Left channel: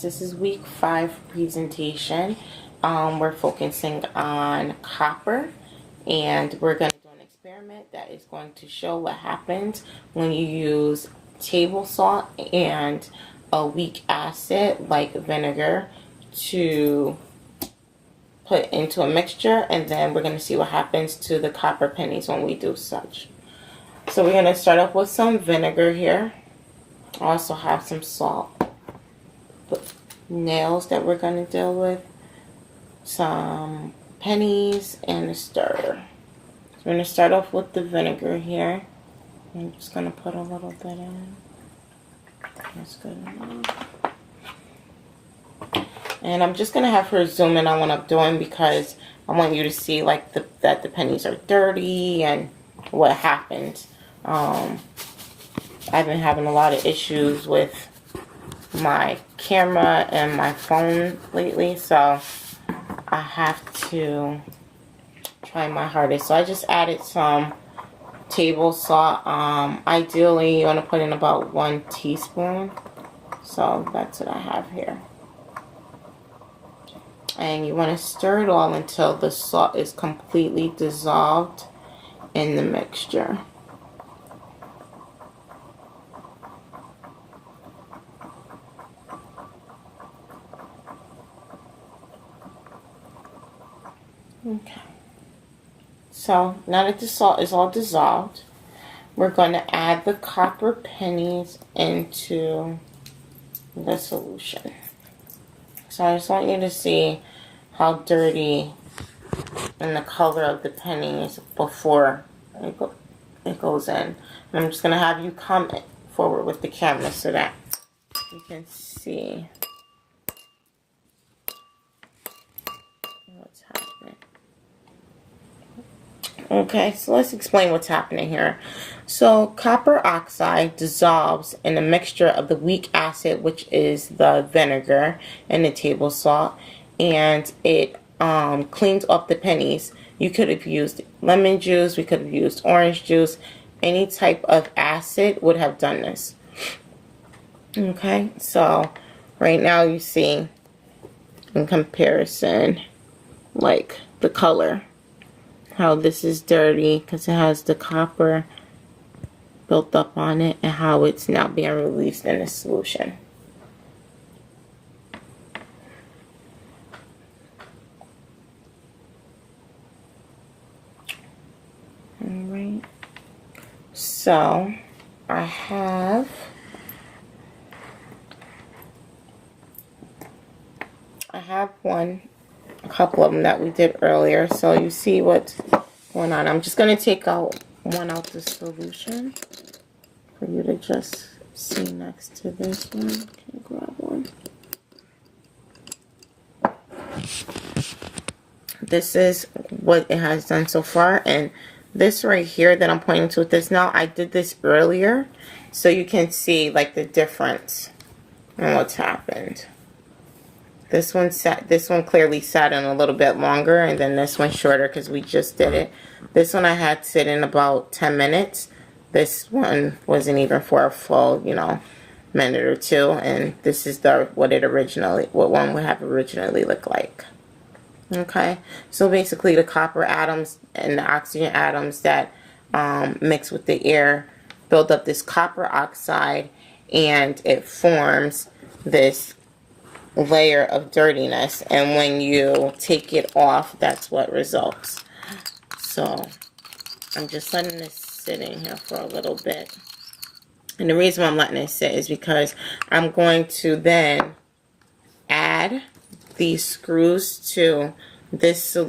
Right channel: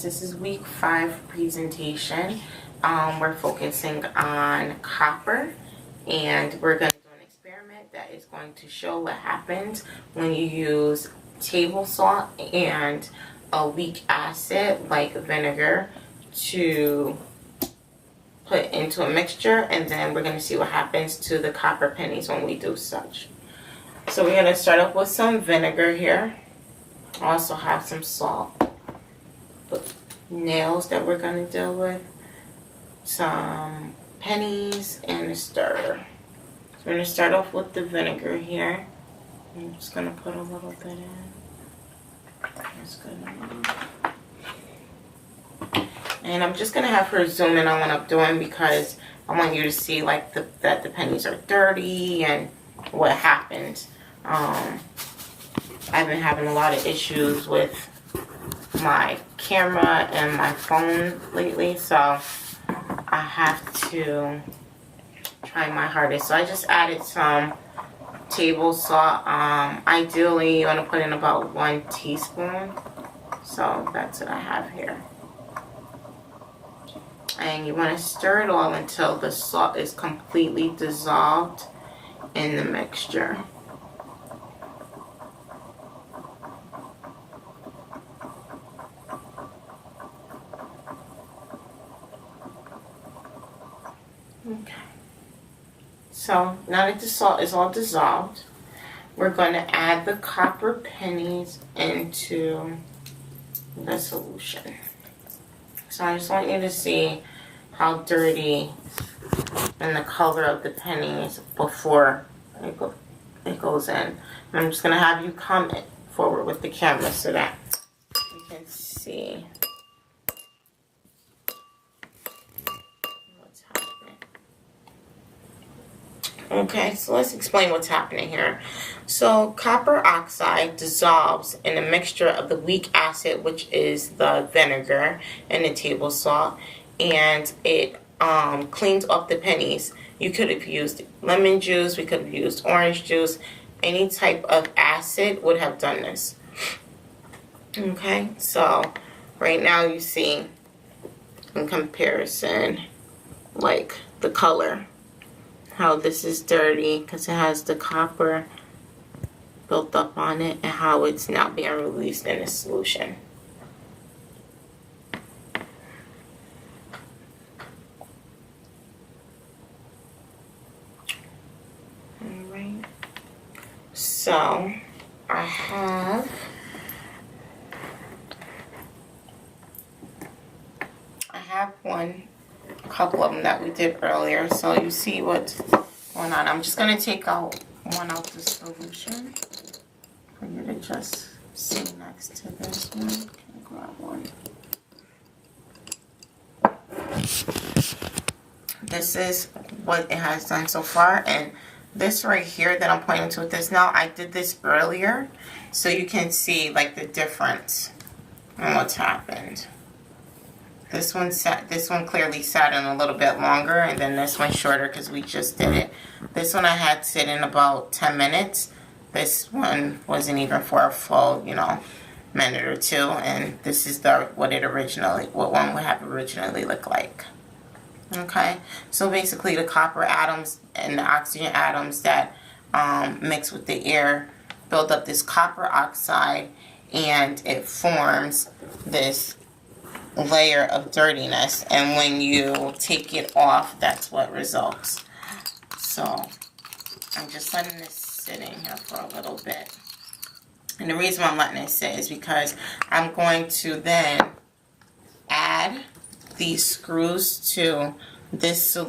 guys, this is week 5 presentation. We're focusing on copper, and we're going to do an experiment that is going to show what happens when you use table salt and a weak acid like vinegar to put into a mixture, and then we're going to see what happens to the copper pennies when we do such. So we're going to start off with some vinegar here. I also have some salt, nails that we're going to deal with, some pennies, and a stirrer. So we're going to start off with the vinegar here. I'm just going to put a little bit in. That's good enough. And I'm just going to have her zoom in on what I'm doing because I want you to see like that the pennies are dirty and what happened. I've been having a lot of issues with my camera and my phone lately, so I have to try my hardest. So I just added some table salt. Ideally you want to put in about 1 teaspoon. So that's what I have here. And you want to stir it all until the salt is completely dissolved in the mixture. Okay, so now that the salt is all dissolved, we're going to add the copper pennies into the solution. So I just want you to see how dirty and the color of the pennies before it goes in. And I'm just going to have you come forward with the camera so that you can see what's happening. Okay, so let's explain what's happening here. So copper oxide dissolves in a mixture of the weak acid, which is the vinegar, and the table salt, and it cleans up the pennies. You could have used lemon juice, we could have used orange juice, any type of acid would have done this. Okay, so right now you see in comparison like the color, how this is dirty because it has the copper built up on it, and how it's now being released in the solution. Alright, so I have a couple of them that we did earlier, so you see what's going on. I'm just going to take out one out the solution for you to just see next to this one. Okay, grab one. This is what it has done so far, and this right here that I'm pointing to with this now, I did this earlier, so you can see like the difference in what's happened. This one clearly sat in a little bit longer, and then this one shorter because we just did it. This one I had sit in about 10 minutes. This one wasn't even for a full, minute or two. And this is what one would have originally looked like. Okay, so basically the copper atoms and the oxygen atoms that mix with the air build up this copper oxide, and it forms this layer of dirtiness, and when you take it off, that's what results. So I'm just letting this sit in here for a little bit, and the reason why I'm letting it sit is because I'm going to then add these screws to this solution.